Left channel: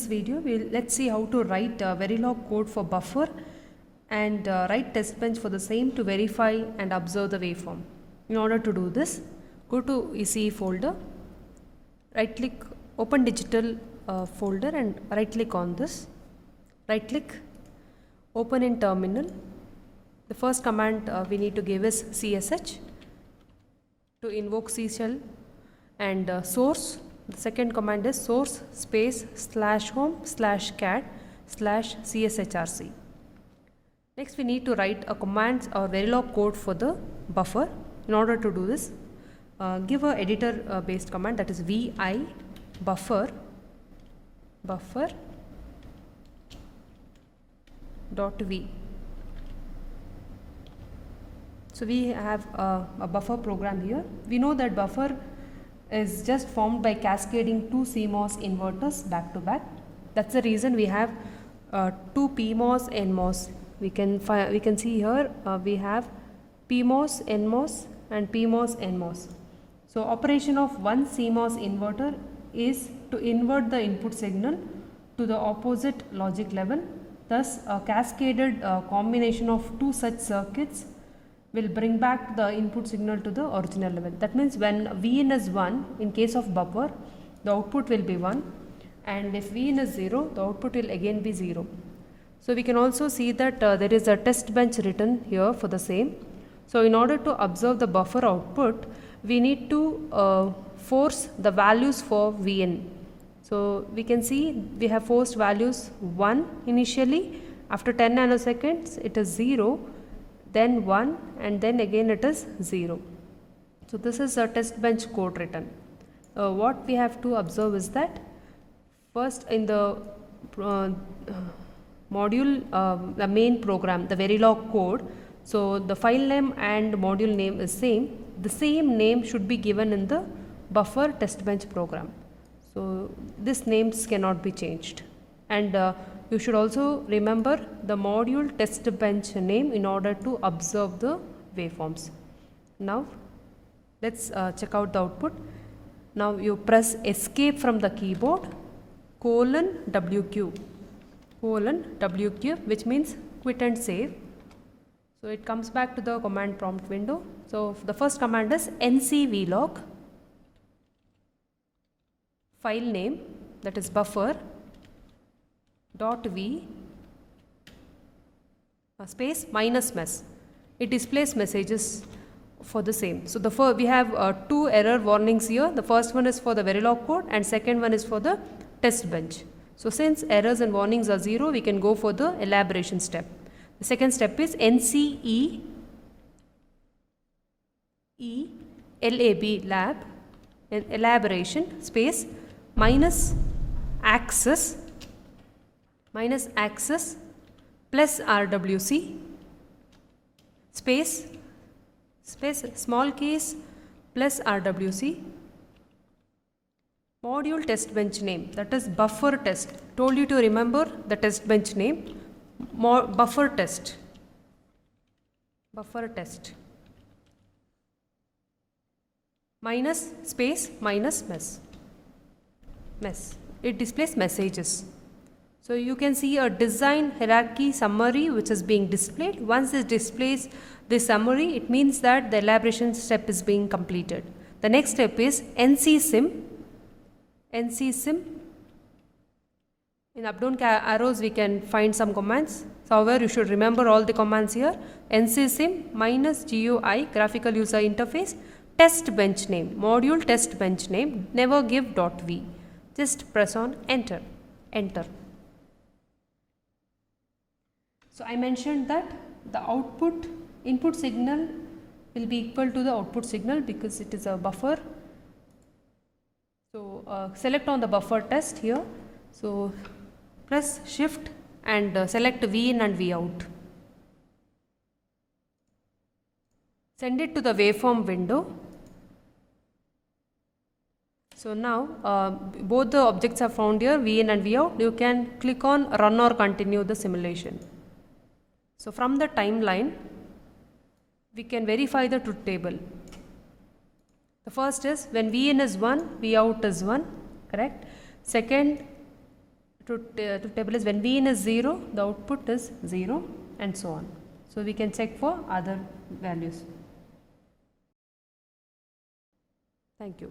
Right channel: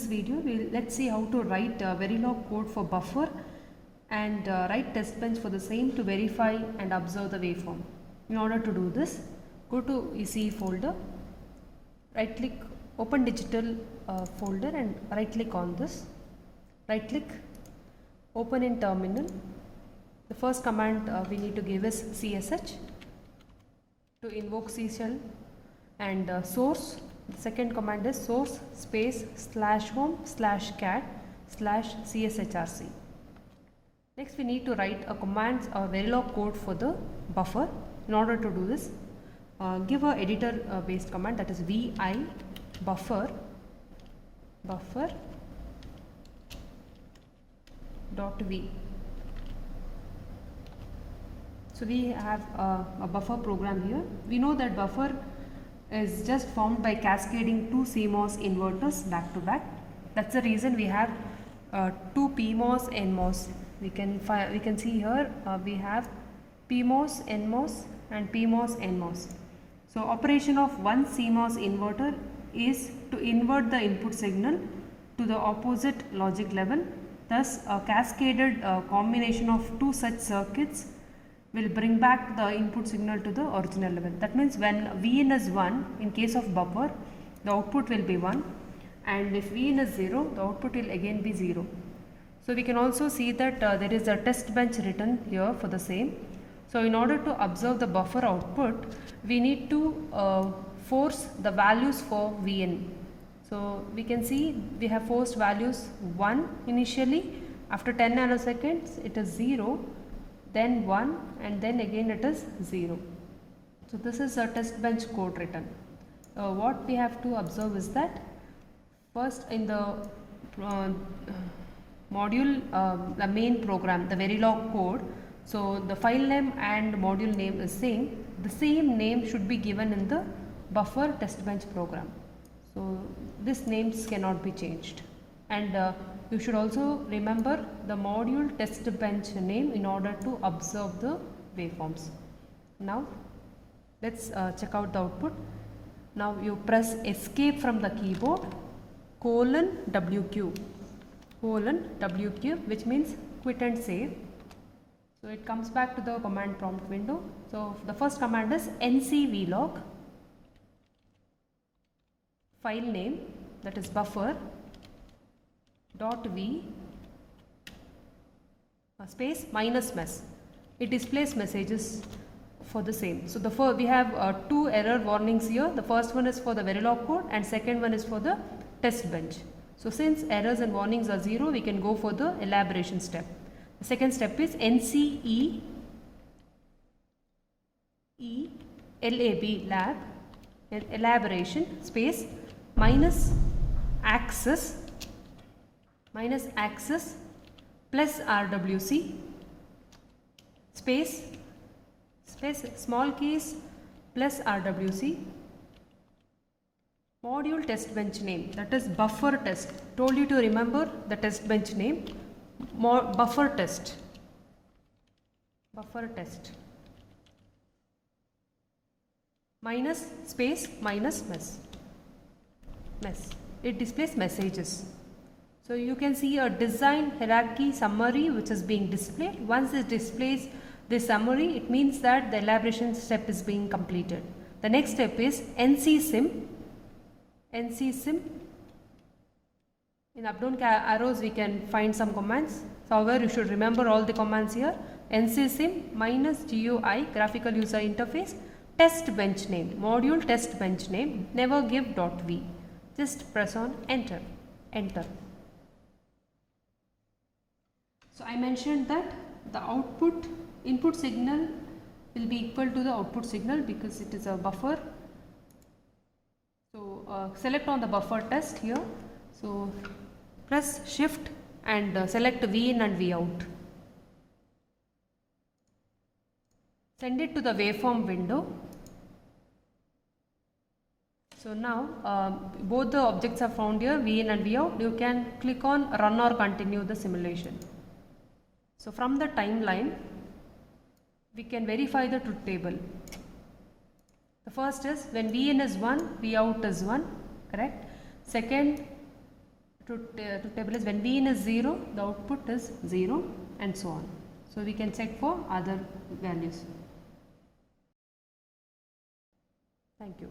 this video, let's see how to write Verilog code for buffer and write test bench for the same to verify and observe the waveform. In order to do this, go to ECE folder, right click, open digital folder and right click on this, right click, open in terminal. The first command we need to give is CSH to invoke C shell and source. The second command is source space /home/cat/cshrc. Next we need to write a command or Verilog code for the buffer. In order to do this, give a editor based command, that is vi buffer dot v. So we have a buffer program here. We know that buffer is just formed by cascading two CMOS inverters back to back. That's the reason we have two PMOS NMOS. We can see here we have PMOS NMOS and PMOS NMOS. So operation of one CMOS inverter is to invert the input signal to the opposite logic level. Thus a cascaded combination of two such circuits will bring back the input signal to the original level. That means when Vin is 1, in case of buffer, the output will be 1, and if Vin is 0, the output will again be 0. So we can also see that there is a test bench written here for the same. So in order to observe the buffer output, we need to force the values for Vn. So we can see we have forced values 1 initially, after 10 nanoseconds it is 0, then 1, and then again it is 0. So this is a test bench code written. What we have to observe is that first in the module, the main program, the Verilog code, so the file name and module name is same. The same name should be given in the buffer test bench program. So these names cannot be changed, and you should also remember the module test bench name in order to observe the waveforms. Now let's check out the output. Now you press escape from the keyboard, :WQ, which means quit and save. So it comes back to the command prompt window. So the first command is ncvlog, file name, that is buffer .v space -mess. It displays messages for the same. So we have two error warnings here. The first one is for the Verilog code and second one is for the test bench. So since errors and warnings are 0, we can go for the elaboration step. The second step is NCE lab elaboration space -access plus RWC space small case plus RWC module test bench name, that is buffer test. Told you to remember the test bench name, buffer test minus space minus mess. It displays messages. So you can see a design hierarchy summary which is being displayed. Once it displays this summary, it means that the elaboration step is being completed. The next step is NCSIM. In up down arrows we can find some commands. However, you should remember all the commands here. NCSIM -GUI graphical user interface test bench name, module test bench name, never give .v. Just press on enter. So I mentioned that the input signal will be equal to the output signal because it is a buffer. So select on the buffer test here. So press shift and select V in and V out. Send it to the waveform window. So now both the objects are found here, V in and V out. You can click on run or continue the simulation. So from the timeline, we can verify the truth table. The first is when V in is 1, V out is 1, correct? Second, truth table is when Vn is 0, the output is 0 and so on. So we can check for other values. Thank you.